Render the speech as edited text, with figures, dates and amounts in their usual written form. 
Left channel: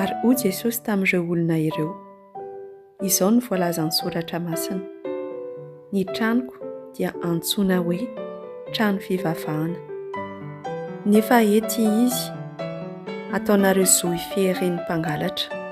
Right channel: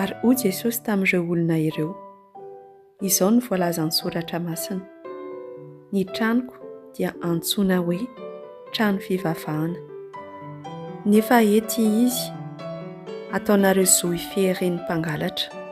ary hoy Jesosy tamin'ireo olona ireo, izao no voalazan'ny soratra masina: ny tranoko dia antsoina hoe trano fivavahana. Nefa ety izy, ataonareo zo ifeheren'ny mpangalatra.